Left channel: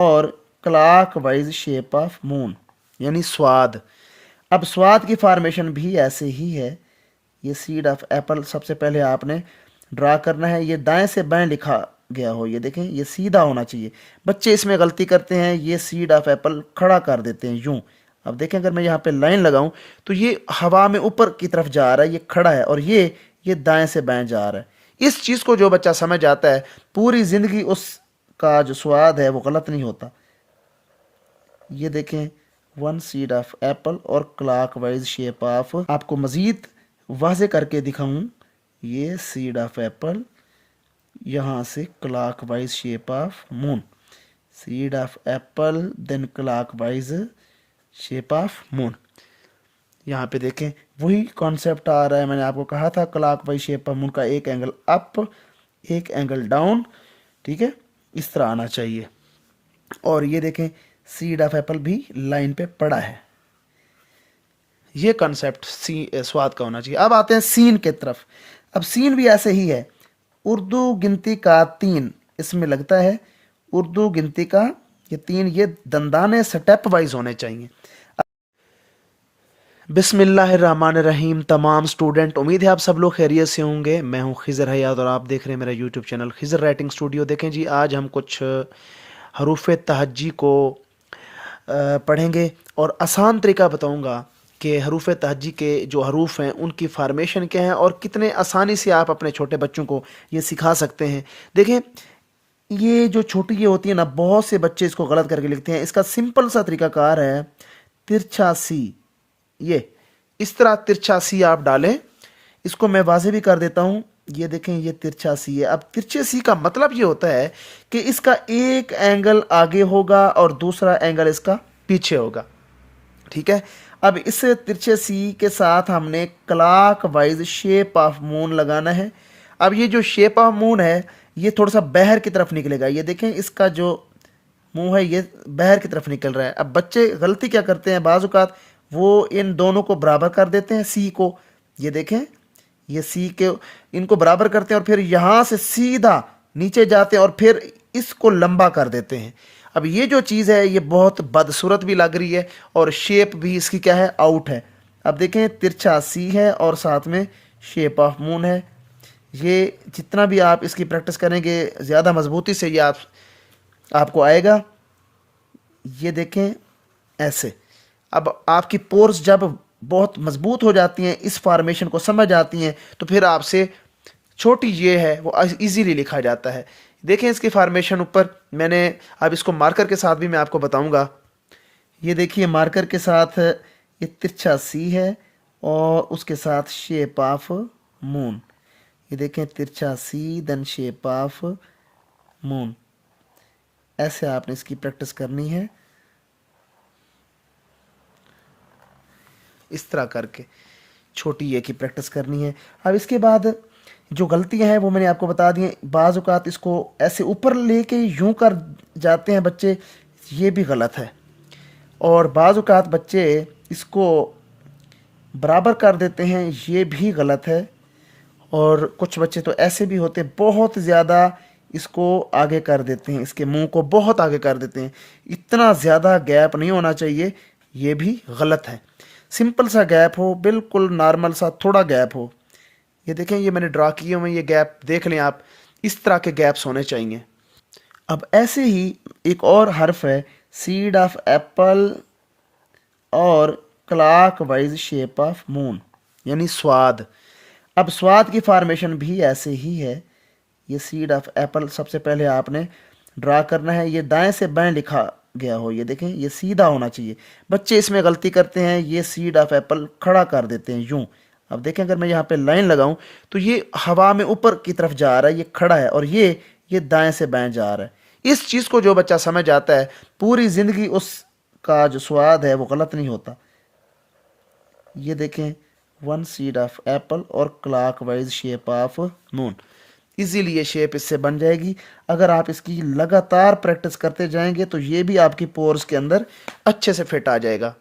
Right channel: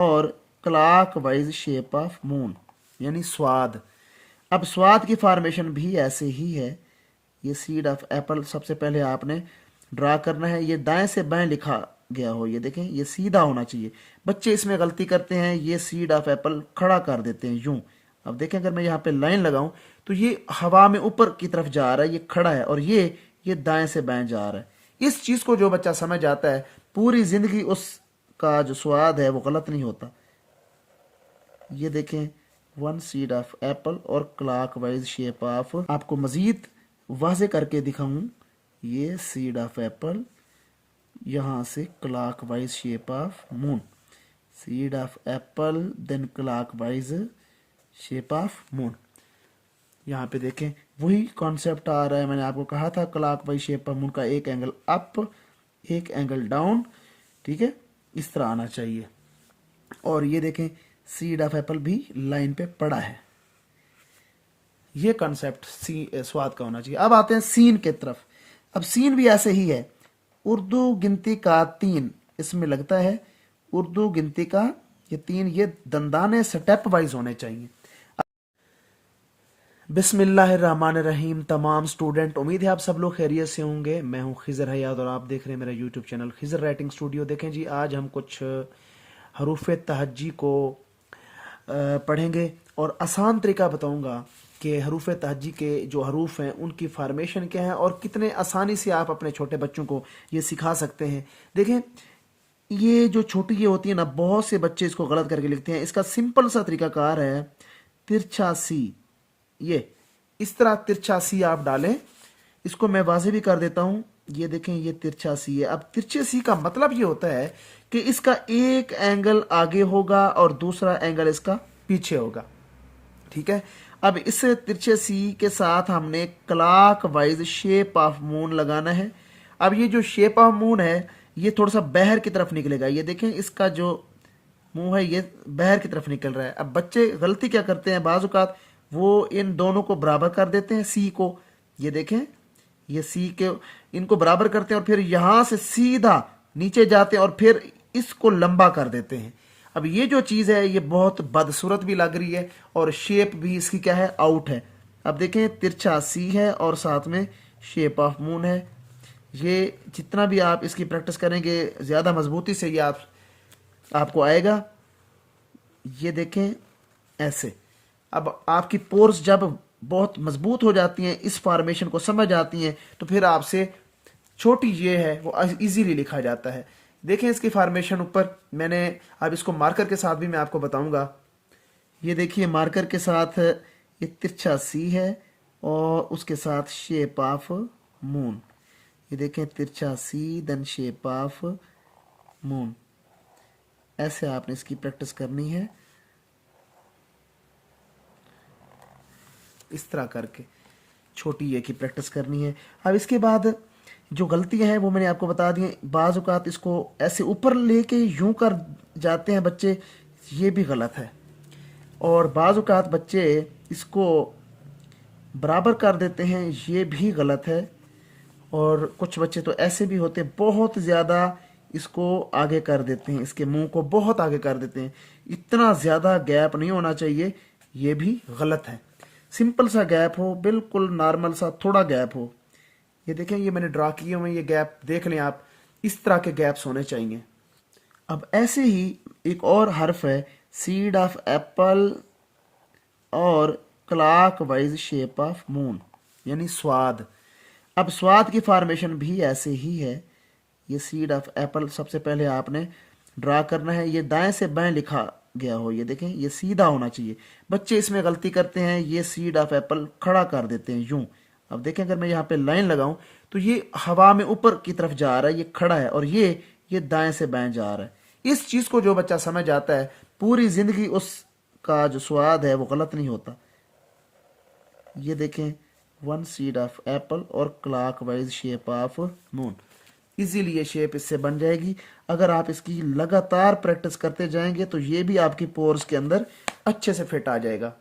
और clock wise shape of moon यानी स्वाद। अब स्वाद की फॉर्मेशन भी ऐसे ही है। ये सीड ऑफ एप्पल सबसे पहले आपने ड्रा करना है, ये दाएं से बाएं लिखा गया हो, ये देखें ये सीधा होना चाहिए। बच्चे इसमें गलती करते हैं, ये सीड ऑफ एप्पल खड़ा कर देते हैं यूं। अब देखें अगर मैं यहाँ पे लाइन लगाऊं तो ये हवा में ऊपर की तरफ जा रहा है, ये खड़ा है, और ये दाएं से बाएं जा रहा है। इस चीज़ को जो बच्चा समझ आता है पूरी ज़िंदगी उसका जो स्वाद है वो गलत नहीं होता। ये देखें वन सीड ऑफ एप्पल और क्लॉक वाइज शेप ऑफ, आपको मज़ीद वाजे करके दिखाऊं, ये सीड ऑफ एप्पल, यहाँ से clockwise shape of moon, seed of apple then clockwise shape of moon. यहाँ पे देखें वही कॉन्सेप्ट आ रहा है, मैंने आपको कहा था clock wise shape of moon का एक एंगल अप एक एंगल डाउन, ठीक है, इस तरह आना चाहिए। और ये देखें सीड ऑफ एप्पल भी लाइन पे पड़ा है। ये कॉन्सेप्ट स्वाद का होना चाहिए। अब आते हैं सीन के तरफ। अब सीन भी ऐसे ही है, उर्दू गिनती का 3 इसमें लगता है। उर्दू गिनती का ये 3, ये दंदाने स्टेप वाइज होने चाहिए। बिस्मिल्लाहिर्रहमानिर्रहीम। तमाम स्टूडेंट, उम्मीद है आप सब लोग खैरियत से होंगे। मैं हूं खिज़र हयात और आप देख रहे हैं मेरा YouTube channel Khizar writing studio. देखें जी, आज हम कुछ हरूफ तहज्जी को पढ़ेंगे और आसान तरीका बताऊंगा कि हरूफ तहज्जी के जो हरूफ हैं उनकी फार्मेशन क्या है और कितने आसानी से आप अपने छोटे बच्चों को ये सिखा सकते हैं। देखें ये जो छोटी ये होती है ना, बहुत से बच्चे इसको गलत करके लिखते हैं। इसका सिंपल सा तरीकाकार है तिरछा सी। ये इस तरह तिरछा सी आप डालें। इसको मैं वाज़े भी कर देता हूँ, ये देखें ये तिरछा सी है। अब तिरछे सी का मतलब ये होता है कि इसका एक एंगल आगे होगा और दूसरा एंगल इसका पीछे होगा, ठीक है। अब इस तिरछे सी के साथ हमने clock wise shape of moon लगाना है। अब ये जो शेप ऑफ मून है ये थोड़ा सा बाहर की तरफ निकलेगा। ये देखें इसका जो मुंह है ये बाहर की तरफ निकल रहा है। अब बच्चे गलती क्या करते हैं, बाज़ औक़ात वो इन दोनों को बराबर कर देते हैं, सी को, ये देखें ये सी के इनको बराबर करते हैं और फिर यहाँ से सीधा नीचे जाते हैं और फिर इसको लंबा कर देते हैं। अब ये जो चीज़ है ये बहुत बदसूरत भी लग रही है और शेप भी इसकी क्या है, आउट है। अब देखें तिरछा सी है और साथ में शेप ऑफ मून है। ये जितना भी आप इसकी प्रैक्टिस करेंगे ज़्यादा मजबूती से ये आपको आएगा। ये देखें ऐसे। अब आपकी पोर्स जब बहुत मजबूत हो जाती हैं, इस फॉर्मेशन को समझ आती हैं, तो फिर आपसे छोटी ये है वो इजीली लिखा जाता है। देखें इसकी फॉर्मेशन ऊपर मैंने, अब इसको मार्कर के साथ भी मैं आपको बताऊंगा। ये देखिए मार्कर के साथ ये तिरछा सी है और उसके साथ शेप ऑफ मून। ये देखें तिरछा सी देन शेप ऑफ मून। ऐसे आपने इसकी प्रैक्टिस करनी है, इस तरह करके छोटी ये की प्रैक्टिस करनी है। अब इसके बाद जो गलतियां हैं वो मैंने आपको बता दी हैं। बाज़ औक़ात इसको ऐसे ऊपर लेके यूं कर जाते हैं बच्चे, ये भी गलत है। और बाज़ औक़ात बच्चे इसको बराबर कर देते हैं, ये भी गलत है। और कुछ बच्चे तो ऐसे भी होते हैं बहुत ज़्यादा इसको आगे कर देते हैं, इसके मुंह को बहुत आगे कर देते हैं। इतना ज़्यादा गैप नहीं होना चाहिए, ये भी गलत है। सिंपल सा गैप हो, बिल्कुल नॉर्मल सा थोड़ा गैप हो। ये देखें ये मैंने ड्रा किए हुए ये गैप देख लें आप, इस तरह के गैप्स होने चाहिए। अब ऐसे ही एक और हर्फ है सीड ऑफ एप्पल और clock wise shape of moon यानी स्वाद। अब स्वाद की फॉर्मेशन भी ऐसे ही है। ये सीड ऑफ एप्पल सबसे पहले आपने ड्रा करना है, ये दाएं से बाएं लिखा गया हो, ये देखें ये सीधा होना चाहिए। बच्चे इसमें गलती करते हैं, ये सीड ऑफ एप्पल खड़ा कर देते हैं यूं। अब देखें अगर मैं यहाँ पे लाइन लगाऊं तो ये हवा में ऊपर की तरफ जा रहा है, ये खड़ा है, और ये दाएं से बाएं जा रहा है। इस चीज़ को जो बच्चा समझ आता है पूरी ज़िंदगी उसका जो स्वाद है वो गलत नहीं होता। ये देखें वन सीड ऑफ एप्पल और clock wise shape of moon. Easily ये शेप इससे बन जाएगी। अगर आप इसकी लगातार प्रैक्टिस करते जाएंगे तो ये भी आपकी पोर्स के अंदर अच्छे से फिट आ जाएगा।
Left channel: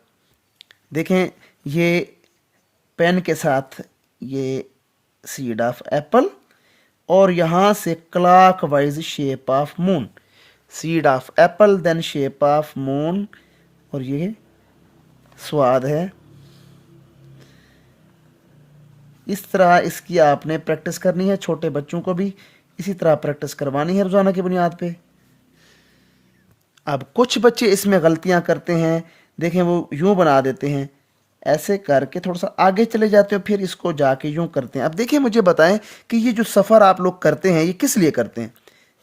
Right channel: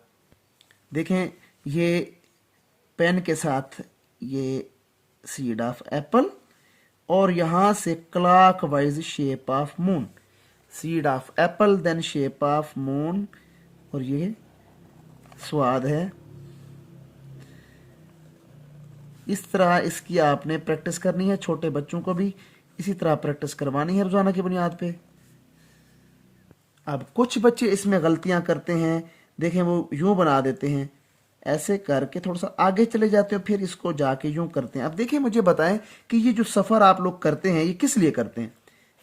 देखें ये पेन के साथ ये सीड ऑफ एप्पल और यहाँ से clockwise shape of moon. Seed of apple, then shape of moon, और ये स्वाद है। इस तरह इसकी आपने प्रैक्टिस करनी है, छोटे बच्चों को भी इसी तरह प्रैक्टिस करवानी है रोज़ाना की बुनियाद पे। अब कुछ बच्चे इसमें गलतियां करते हैं, देखें वो यूं बना देते हैं, ऐसे करके थोड़ा सा आगे चले जाते हो, फिर इसको जाके यूं करते हैं। अब देखिए मुझे बताएं कि ये जो सफ़र आप लोग करते हैं ये किस लिए करते हैं।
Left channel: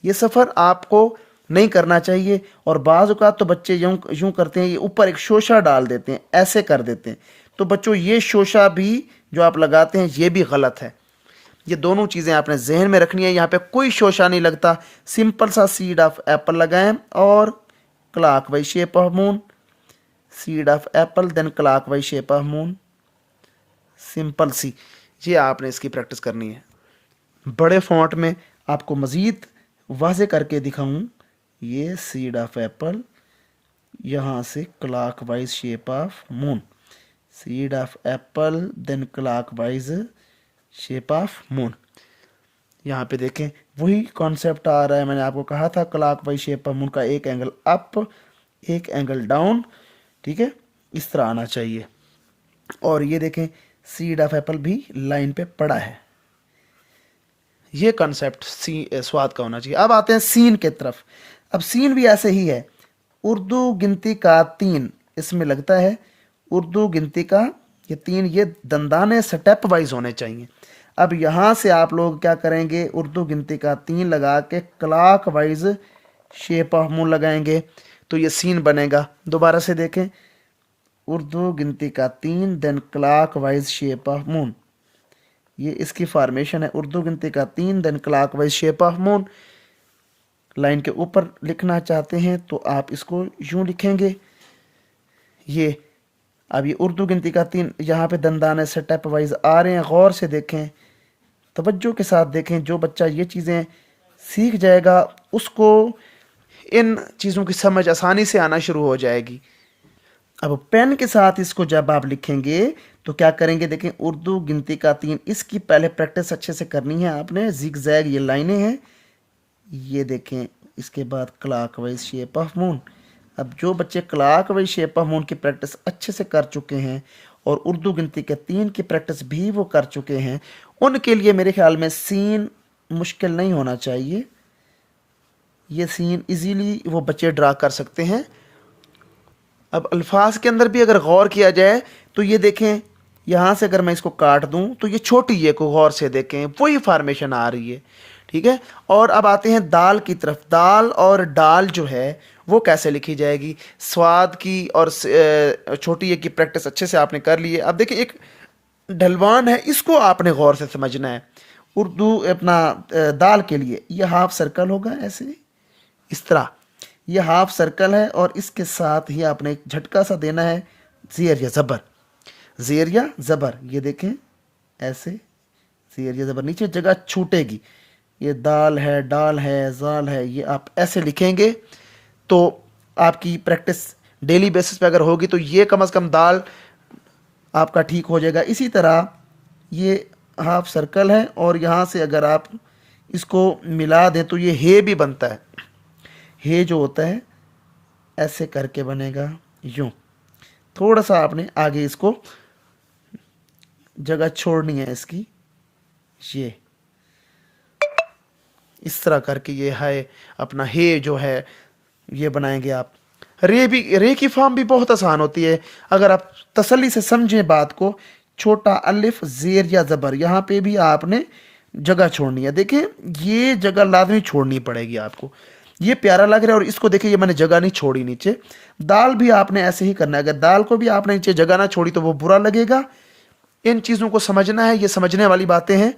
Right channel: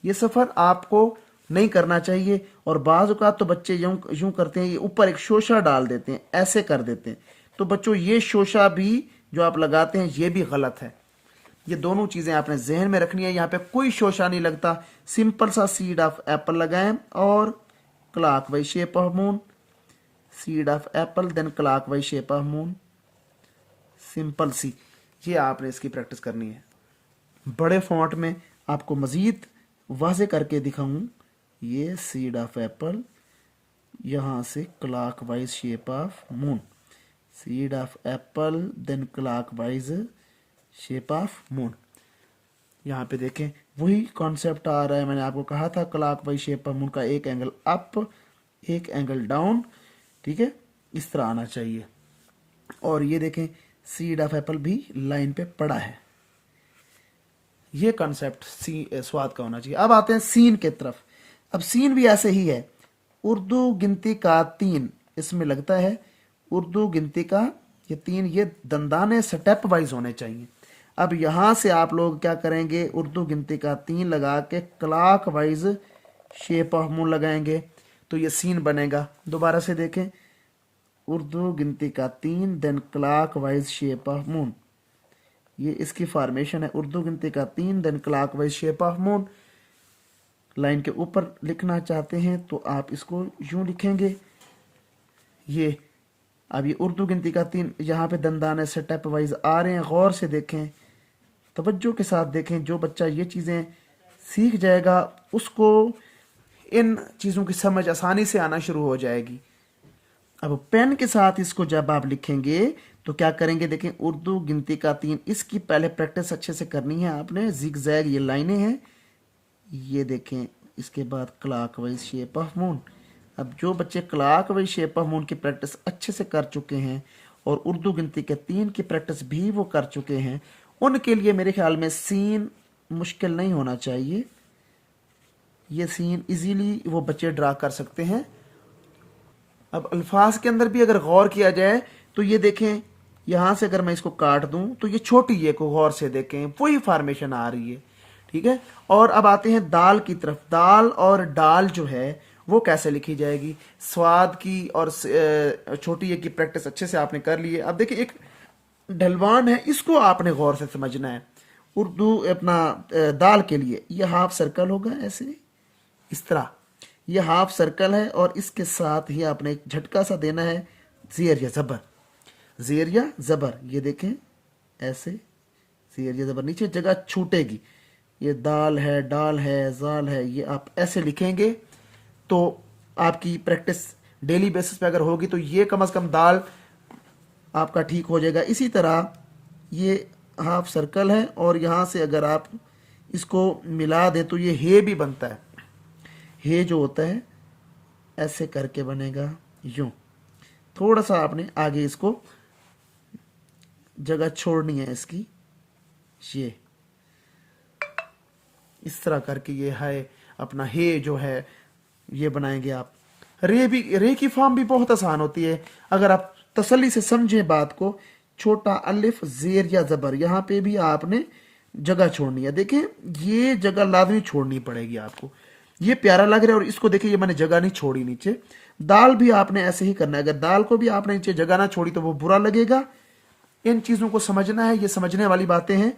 ये सफ़र आपको नहीं करना चाहिए, और बाज़ औक़ात तो बच्चे यूं यूं करते हैं, ये ऊपर एक शोशा डाल देते हैं, ऐसे कर देते हैं। तो बच्चों ये शोशा भी जो आप लगाते हैं ये भी गलत है। ये दोनों चीज़ें आपने जहन में रखनी है। यहाँ पे कोई शोशा नहीं लगता, सिंपल सा सीड ऑफ एप्पल लगाएं और clockwise shape of moon, seed of apple then clockwise shape of moon, simple सी। ये आपने इसकी प्रैक्टिस करनी है। बड़े फॉन्ट में आपको मज़ीद वाज़े करके दिखाऊं, ये सीड ऑफ एप्पल, यहाँ से clockwise shape of moon, seed of apple then clockwise shape of moon. यहाँ पे देखें वही कॉन्सेप्ट आ रहा है, मैंने आपको कहा था क्लॉकवाइज शेप ऑफ मून का एक एंगल अप एक एंगल डाउन, ठीक है, इस तरह आना चाहिए। और ये देखें सीड ऑफ एप्पल भी लाइन पे पड़ा है। ये कॉन्सेप्ट स्वाद का होना चाहिए। अब आते हैं सीन के तरफ। अब सीन भी ऐसे ही है, उर्दू गिनती का 3 इसमें लगता है। उर्दू गिनती का ये 3, ये दंदाने स्टेप वाइज होने चाहिए। अब यहाँ से आप लोग क्या करेंगे, उर्दू गिनती का 3 लगा के clock wise shape of moon लगाएंगे, तो ये सीन बनेगा। दोबारा से देखें, उर्दू गिनती का 3 then clockwise shape of moon, ये इसकी फॉर्मेशन है। उर्दू गिनती का 3 then clockwise shape of moon. Line के ऊपर लिखना चाहते हैं तो आप इसको यूं लिखेंगे। ये अब ये उर्दू गिनती का 3, यहाँ पे दंदाने स्टेप वाइज आ रहे हैं। गौर से देखें, तवज्जो के साथ देखें। जो बच्चा ये चीज़ें सीख जाएगा उसको इन चीज़ों की समझ आसानी से आना शुरू हो जाएगी। अब पेन के साथ इसको जब आप लिखेंगे तो क्या करेंगे, देखें उर्दू गिनती का 3, इसकी पहले प्रैक्टिस अच्छे से करनी है आपने। जिग जैग ये लाइनें हैं, ये देखें। इसके बाद क्लॉकवाइज शेप ऑफ मून। अब जो बच्चे क्लॉकवाइज शेप ऑफ मून की प्रैक्टिस अच्छे से कर चुके हैं और उर्दू गिनती के 3 की प्रैक्टिस भी वो कर चुके हैं, उनके लिए मेरे ख्याल में सीन मुश्किल नहीं होना चाहिए। ये सीन इजीली वो बच्चे ड्रा कर सकते हैं। अब अल्फाज के अंदर भी अगर गौर किया जाए तो ये देखें, यहाँ से अगर मैं इसको काट दूं तो ये छोटी ये को गौर से देखें, वही फॉर्मेशन आ रही है, ठीक है। और अब आते हैं दाल की तरफ। दाल और डाल जो है वो कैसे लिखी जाएगी। स्वाद की और छोटी ये की प्रैक्टिस अच्छे से आपने कर ली है। अब देखिए एक ढलवान है, इसको आपने गौर से समझना है। उर्दू अपना दाल के लिए ये हाफ सर्कल होगा, ऐसे इस तरह ये हाफ सर्कल है, और इसके साथ ही आपने एक झटका सा देना है, ज़ेर या ज़बर, ज़ेर या ज़बर। ये देखें ऐसे ज़ेर या ज़बर, नीचे जगह छूटेगी। ये दाल है, डाल है, जाल है, ये आप ऐसे लिखेंगे तो आपकी प्रैक्टिस डेली बेसिस पे अगर होगी तो ये कम से कम दाल आपका ठीक हो जाएगा। इसी तरह ये हाफ सर्कल है, और यहाँ से अगर आप इसको मिला दें तो ये हे भी बनता है। हे जो होता है ऐसे करके बनेगा, यूं। थोड़ा सा आपने आगे इसको जगह छोड़नी है इसकी, ये इस तरह करके ये है अपना हे जो है ये बनाएंगे आप। रे की फॉर्म भी बहुत आसान होती है अगर आप तसल्ली से समझें बात को। छोटा अलिफ ज़ेर या ज़बर, यहाँ पे भी आपने जगह छोड़नी है। देखें ये जगह लाजमी छोड़नी पड़ेगी आपको। ये प्यारा लग रहा है, और इसको देखिए ये मैंने जगह नहीं छोड़ी नीचे। दाल भी आपने ऐसे ही करना है, अगर दाल को भी आपने नीचे जगह ना छोड़ी तो वो बुरा लगेगा। इन चीज़ों को समझना है, ये समझने वाली बातें हैं।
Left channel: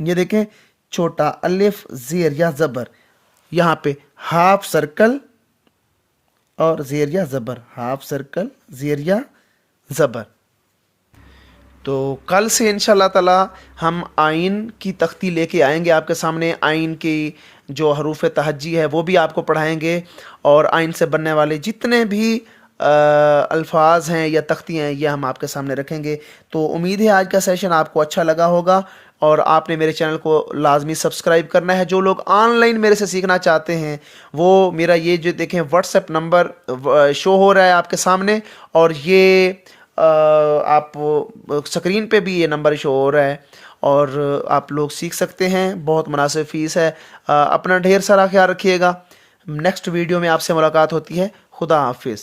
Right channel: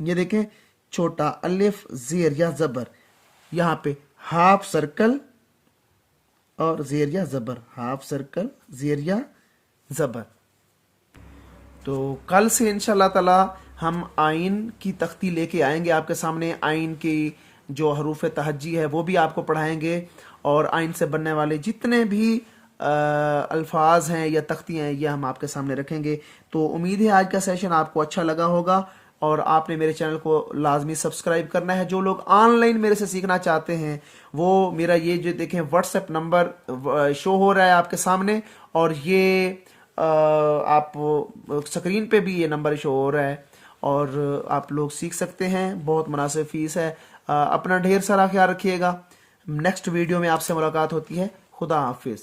ये देखें छोटा अलिफ ज़ेर या ज़बर, यहाँ पे हाफ सर्कल और ज़ेर या ज़बर, हाफ सर्कल ज़ेर या ज़बर। तो कल से इंशाल्लाह ताला हम आइन की तख्ती लेके आएंगे आपके सामने। आइन की जो हरूफ तहज्जी है वो भी आपको पढ़ाएंगे, और आइन से बनने वाले जितने भी अल्फाज हैं या तख्ती हैं ये हम आपके सामने रखेंगे। तो उम्मीद है आज का सेशन आपको अच्छा लगा होगा, और आपने मेरे चैनल को लाजमी सब्सक्राइब करना है। जो लोग ऑनलाइन मेरे से सीखना चाहते हैं वो मेरा ये जो देखें व्हाट्सएप नंबर शो हो रहा है आपके सामने, और ये आप स्क्रीन पे भी ये नंबर शो हो रहा है, और आप लोग सीख सकते हैं। बहुत मुनासिब फ़ीस है। अपना ढेर सारा ख्याल रखिएगा। नेक्स्ट वीडियो में आपसे मुलाकात होती है। खुदा हाफिज़।